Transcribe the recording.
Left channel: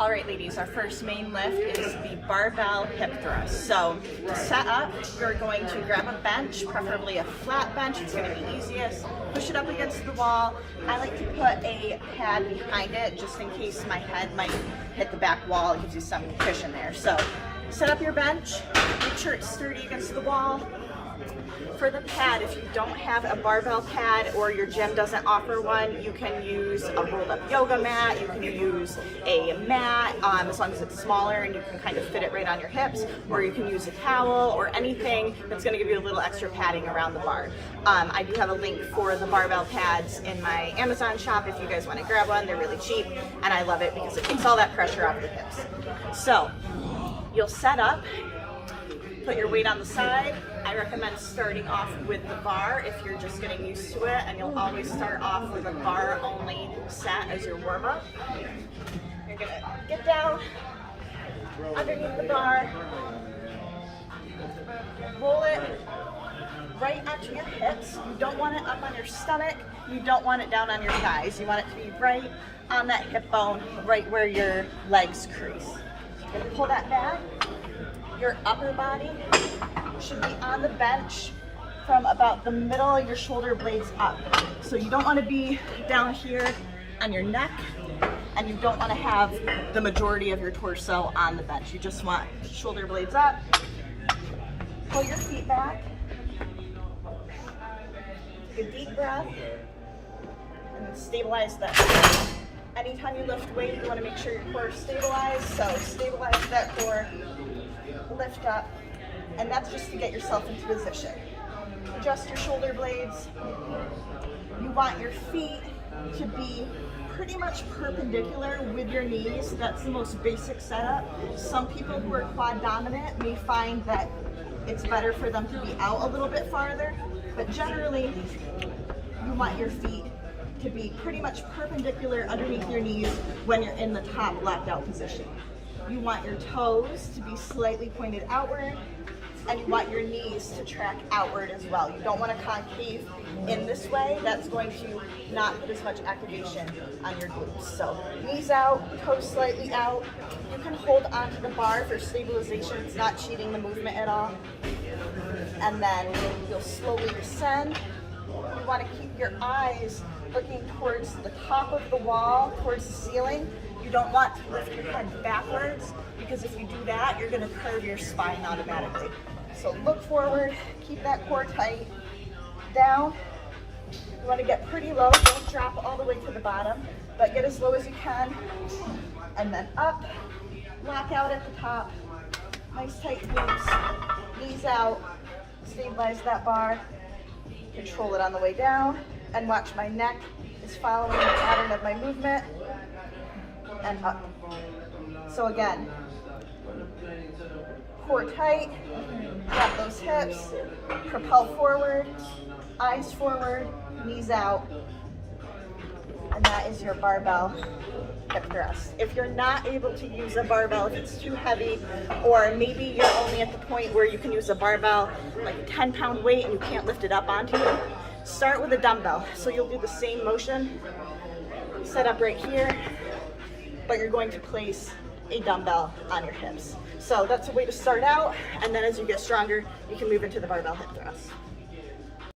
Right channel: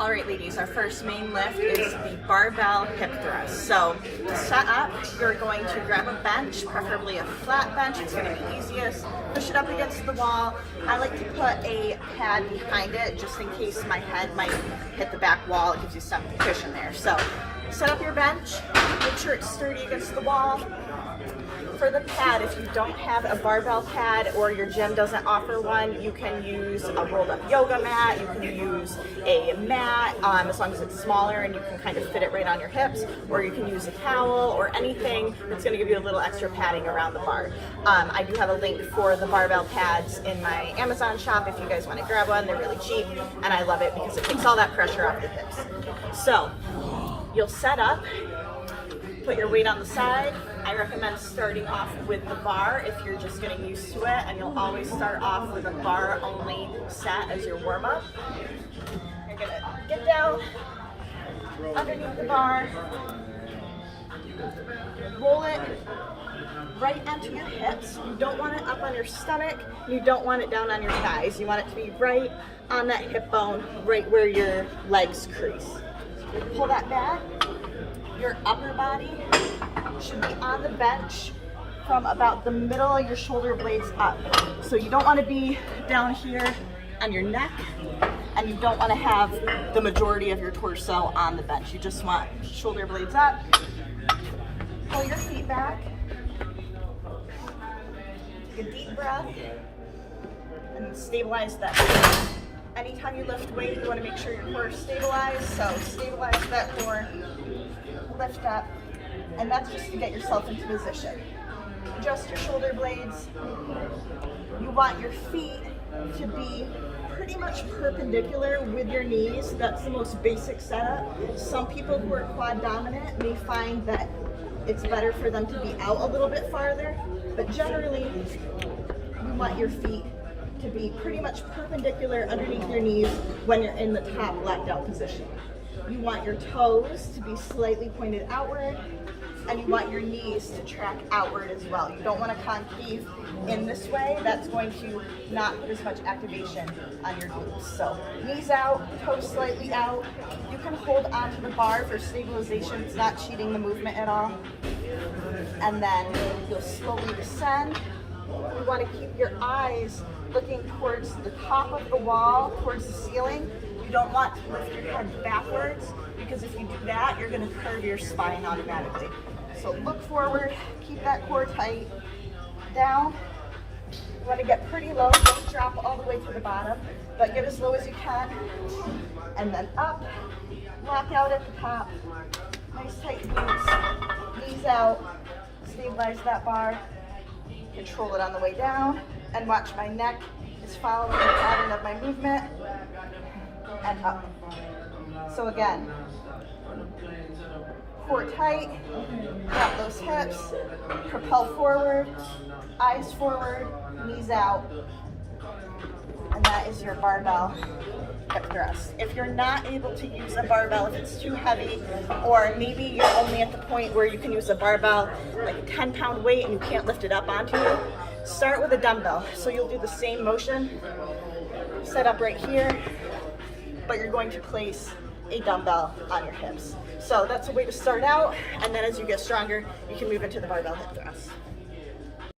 All right, ladies, our first main lift is the barbell hip thrust. So to set up, you're going to grab a bench, preferably a flat bench. It's going to be easiest. Push it up against the wall. I like to put a pad behind it just in case my head might hit the back wall. It gives you some cushion there. So set up your bench. Make sure it's sturdy against the wall. For the pad, if you don't have a barbell pad or your gym doesn't offer one, you can use a rolled up yoga mat, you can use a mat, as long as it's smaller and you can kind of fit it right on your hips, or you can use a towel or anything that's going to give you a little extra padding around the bar. I do have a link for the barbell pads in my Amazon shop if you guys want to grab one. They're really cheap and I love it because it takes all that pressure off your hips. So you'll set up, put your weight on the side. I recommend starting off with the bar if you're just getting used to it, and you'll always start off with a bar only set as your warm up. You're gonna get down underneath the bar, roll it right onto your hips. You don't want it up on your stomach, you don't want it down on your thighs. You want it to be right on that hip bone, right where your legs crease. Pull that back. Your upper body should be on the bench from about the middle of your shoulder blades up. So you don't want to be down here on your neck, and you don't want to have the majority of your torso on the bench. You just want shoulder blades up. Pull your feet back. Take a deep breath and then stabilize that. Anytime you lift weight, you want to make sure your core is stabilized. So stabilize that core, lift up, and that's just to get yourself into position. Adjust your shoulder blades. You want your feet to be pretty much perpendicular with your knees. That's the most basic setup. Some people who are quad dominant may find that it's better for them to be out a little bit farther, but generally you want your feet to be pretty much perpendicular underneath your knees when you're in the top left out position. You want your toes to be slightly pointed outward, and you want your knees to track outward as well. You don't want to concave in this way. That's going to not put as much activation on your glutes. So knees out, toes slightly out. You can hold onto the bar for stabilization. It's not cheating the movement at all. And then you'll slowly descend. You want to keep your eyes looking towards the top of the wall, towards the ceiling. You don't want to lift your head backwards, because if you do that, you're going to curve your spine automatically. So look forward, keep that core tight, down. You want to get pretty low, don't drop all the way to the bottom, but get as low as you can, and then up, lock out at the top, nice tight glutes, knees out, stabilize that bar, control it on the way down, and watch my neck is following the pattern of my movement, and up. So again, core tight, drop those hips, propel forward, eyes forward, knees out, and that is your barbell hip thrust. If you're not able to use a barbell, if it's too heavy, or maybe you're only at the point where you can use a barbell, like a 10-pound weight, and you can't lift it up onto you, start with a dumbbell. So you'll do the same motion, set up right here, but you're going to place a dumbbell on your hips. So that's a way to start out, and then as you get stronger, you can move into the barbell hip thrust.